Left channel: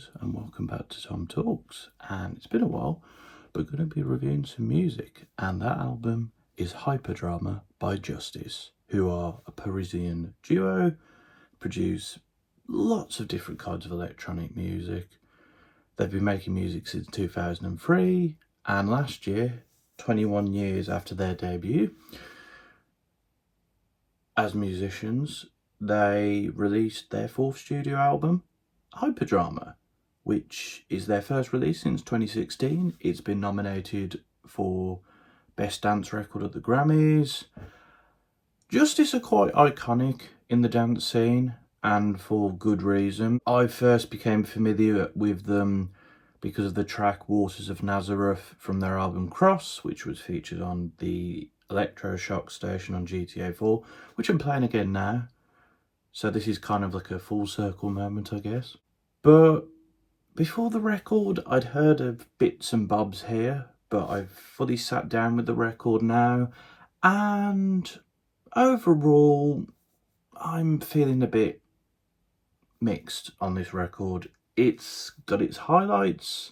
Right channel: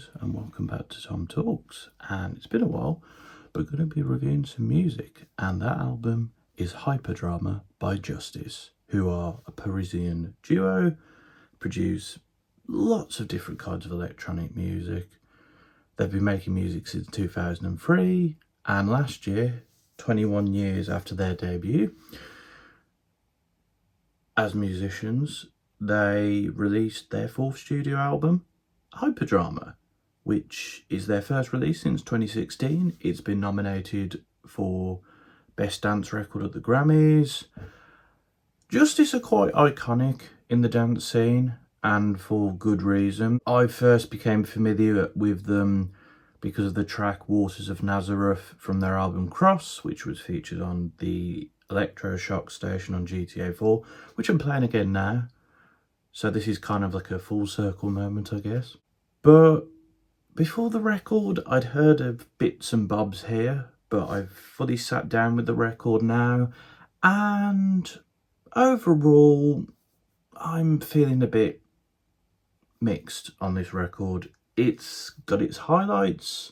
guys, and welcome back to Tom Talks. And it's been a while, but we're going to be reviewing some music, and that album is Hyperdrama by Justice, who are a Parisian duo, produce lots of different kinds of electronic music. They've been making music since 2003, and last year, 21 years after their debut as musicians, they released their fourth studio album, Hyperdrama, which is their first release since 2016. It's been nominated for Best Dance Record at the Grammys. Justice are quite iconic in the dance scene, and for good reason. I first became familiar with them because of the track Waters of Nazareth from their album Cross, which was featured on the Electroshock station on GTA 4, which I'm playing again now. So this is kind of like a full circle moment, I guess. But before the record, I'd heard of bits and bobs here, but I've fully sat down with the record now, and overall, I'm feeling a bit mixed on this record. It's got its highlights.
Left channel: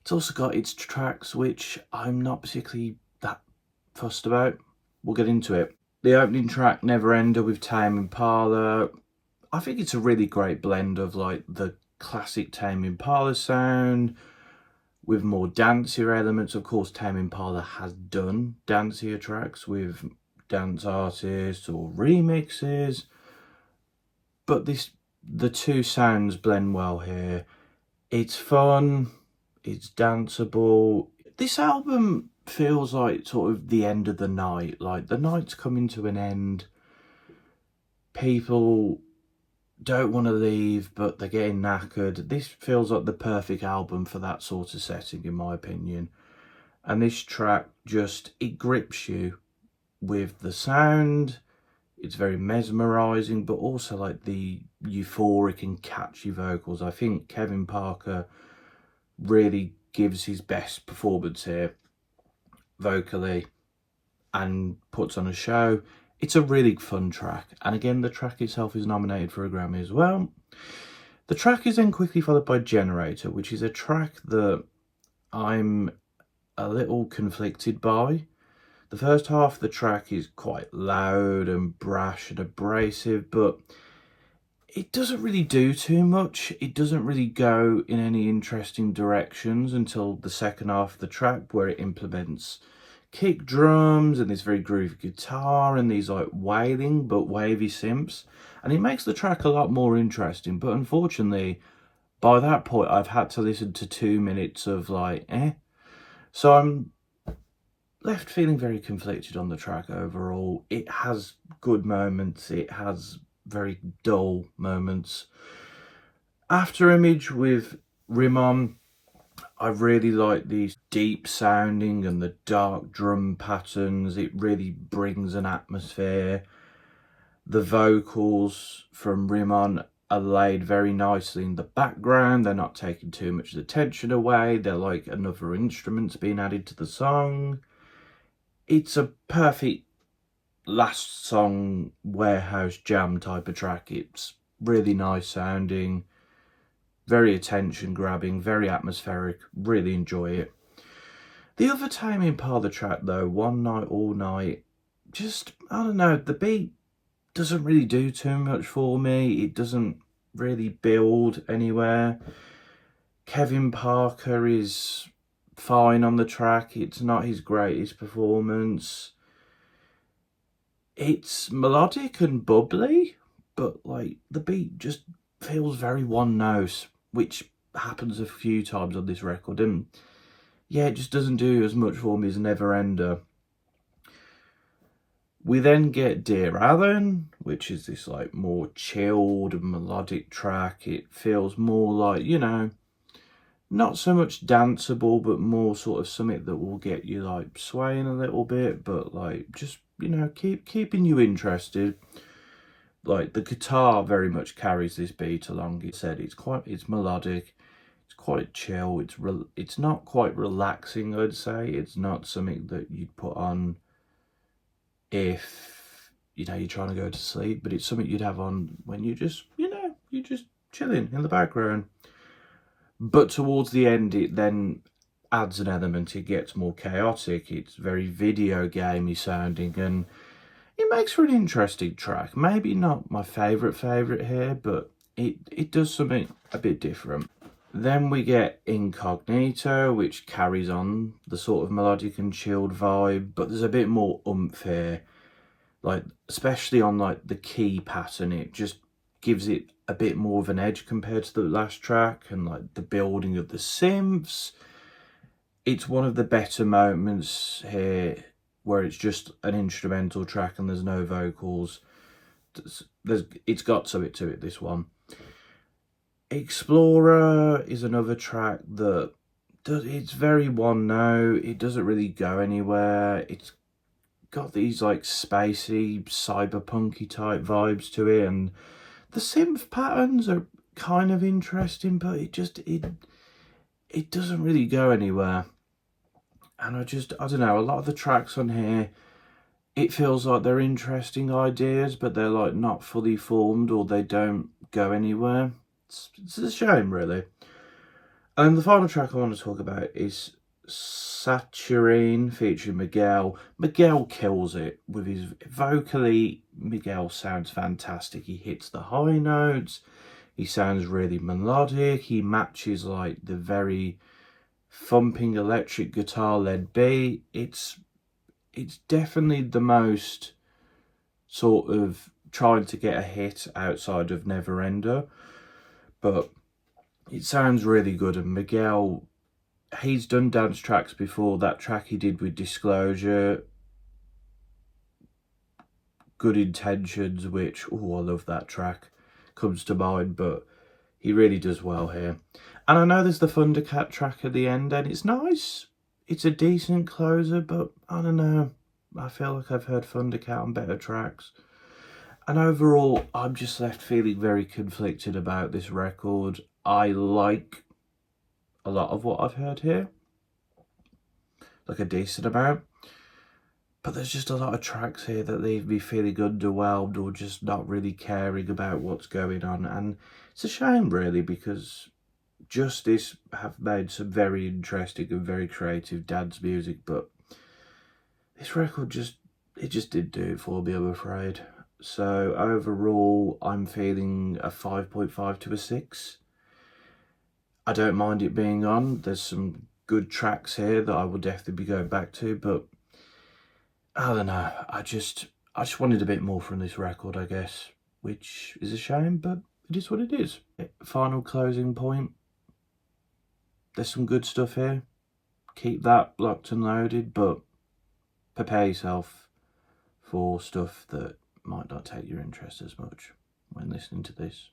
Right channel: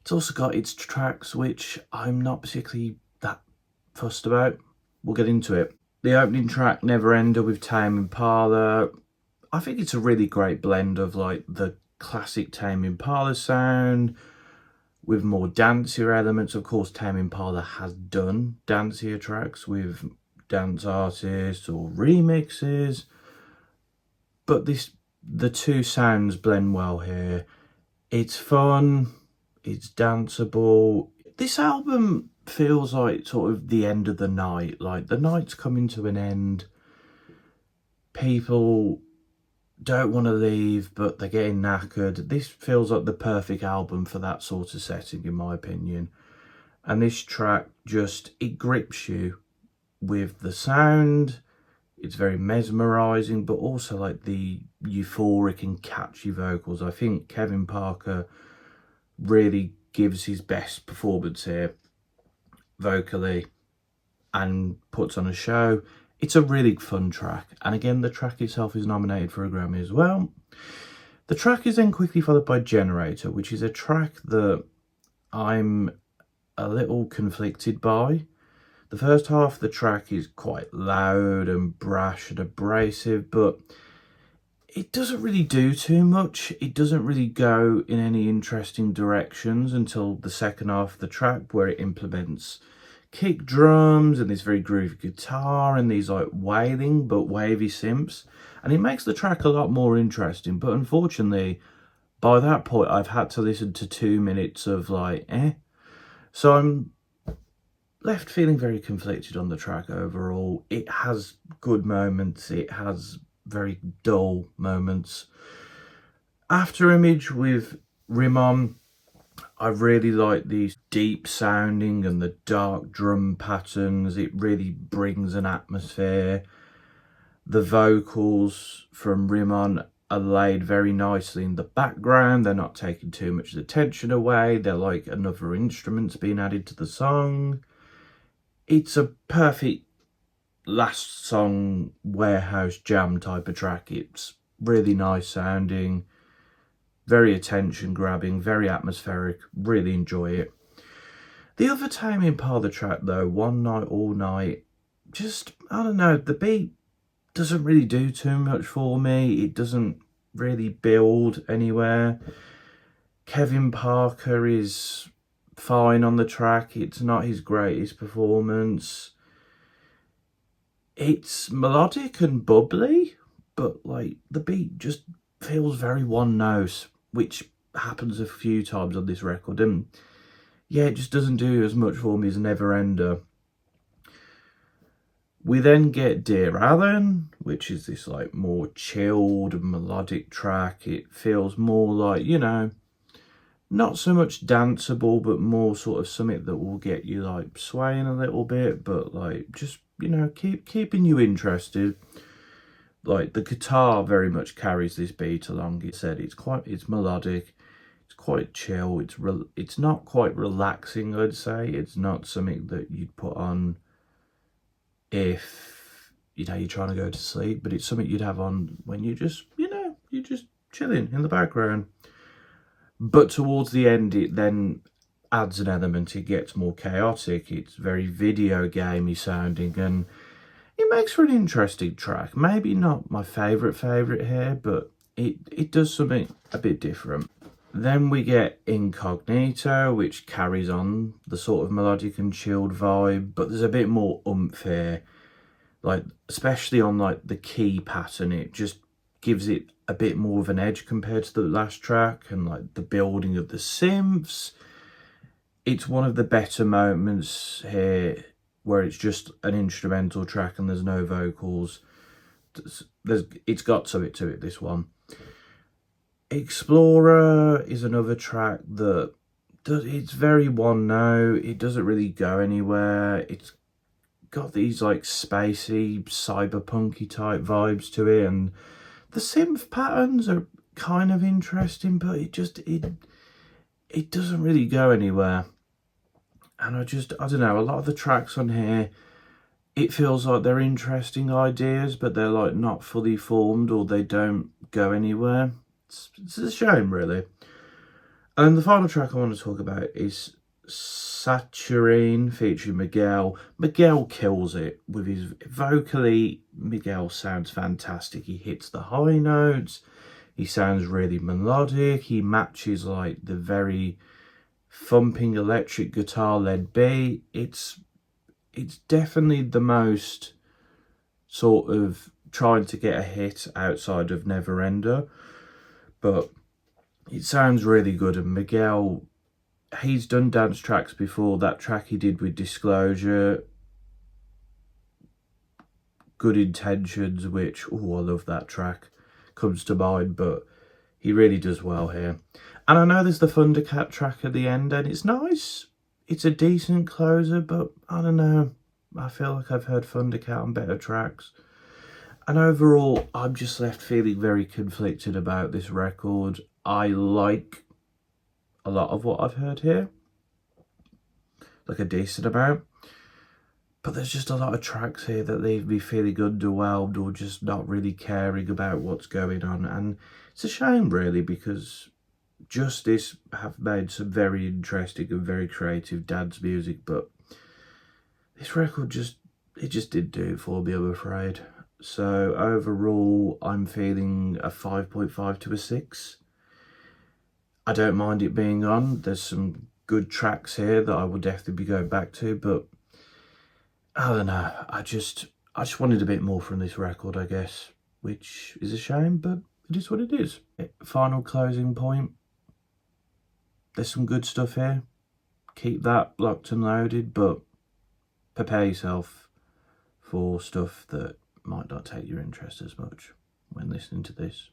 It's also got its tracks, which I'm not particularly that fussed about. We'll get into it. The opening track, Never Ender with Tame Impala, I think it's a really great blend of like the classic Tame Impala sound with more dancier elements. Of course, Tame Impala has done dancier tracks with dance artists or remixes, but the two sounds blend well here. It's fun, it's danceable. This album feels like sort of the end of the night, like the night's coming to an end. People don't want to leave, but they're getting knackered. This feels like the perfect album for that sort of setting, in my opinion. And this track it grips you with the sound. It's very mesmerising, but also like the euphoric and catchy vocals. I think Kevin Parker really gives his best performance here vocally and puts on a show. It's a really fun track, and again the track itself is nominated for a Grammy as well. The track is then quickly followed by Generator, which is a track that I'm a little conflicted by. The first half of the track is quite loud and brash and abrasive, but it doesn't really do too much. It doesn't really go in any interesting directions until the second half of the track, where it implements kick drums and this very groovy guitar and these like wailing but wavy synths, and it makes the track a lot more interesting. But unfortunately, by that point, I've had to listen to 2 minutes of like so I'm left feeling very conflicted on the track overall. It has good moments, it has very dull moments. After Image with Rimon, I really like these deep sounding and the dark drum patterns. It really brings an atmosphere. The vocals from Rimon are laid very nicely in the background. They're not taking too much of the tension away. They're like another instruments being added to the song. It's a perfect last song warehouse jam type of track. It's really nice sounding, very attention grabbing, very atmospheric. Really enjoy it. The other Tame Impala track though, One Night All Night, I don't know, the beat doesn't really do too much for me. It doesn't really build anywhere. Kevin Parker is fine on the track. It's not his greatest performance. It's melodic and bubbly, but like the beat just feels very one note, which happens a few times on this record, and yeah, it just doesn't do as much for me as Never Ender. We then get Dear Alan, which is this like more chilled and melodic track. It feels more like, you know, not so much danceable, but more sort of something that will get you like swaying a little bit, but like just, you know, keeping you interested. Like the guitar very much carries this beat along. It said it's melodic, it's quite chill. It's not quite relaxing, I'd say. It's not something that you'd put on if, you know, you're trying to go to sleep, but it's something you'd have on when you just, you know, you're just chilling in the background. But towards the end, it then adds an element. It gets more chaotic. It's very video gamey sounding, and it makes for an interesting track. Maybe not my favourite here, but it does something a bit different. Then we get Incognito, which carries on the sort of melodic and chilled vibe, but there's a bit more oomph here. Like, especially on like the key pattern, it just gives it a bit more of an edge compared to the last track, and like the building of the synths. It's one of the better moments here where it's just an instrumental track and there's no vocals. It's got to it, this one. Explorer is another track that it's very one note. It doesn't really go anywhere. It's got these like spacey, cyberpunky type vibes to it, and the synth patterns are kind of interesting, but it doesn't really go anywhere. And I don't know, a lot of the tracks on here, it feels like they're interesting ideas, but they're like not fully formed, or they don't go anywhere. It's a shame, really. And the final track I want to talk about is Saturine featuring Miguel. Miguel kills it with his vocally. Miguel sounds fantastic. He hits the high notes. He sounds really melodic. He matches like the very thumping electric guitar led beat. It's definitely the most sort of trying to get a hit outside of Neverender, but it sounds really good. And Miguel, he's done dance tracks before. That track he did with Disclosure, Good Intentions, which, oh, I love that track, comes to mind, but he really does well here. And I know there's the Thundercat track at the end, and it's nice. It's a decent closer, but I don't know. I feel like I've heard Thundercat on better tracks. And overall, I'm just left feeling very conflicted about this record. I like a lot of what I've heard here, like a decent amount. But there's just a lot of tracks here that leave me feeling underwhelmed or just not really caring about what's going on. And it's a shame, really, because Justice have made some very interesting and very creative dance music, but this record just didn't do it for me, I'm afraid. So overall, I'm feeling a 5.5 to a 6. I don't mind it being on. There's some good tracks here that I will definitely be going back to, but I don't know. I just wanted a bit more from this record, I guess, which is a shame, but it is what it is. Final closing point. There's some good stuff here. Keep that locked and loaded, but prepare yourself for stuff that might not take your interest as much when listening to this.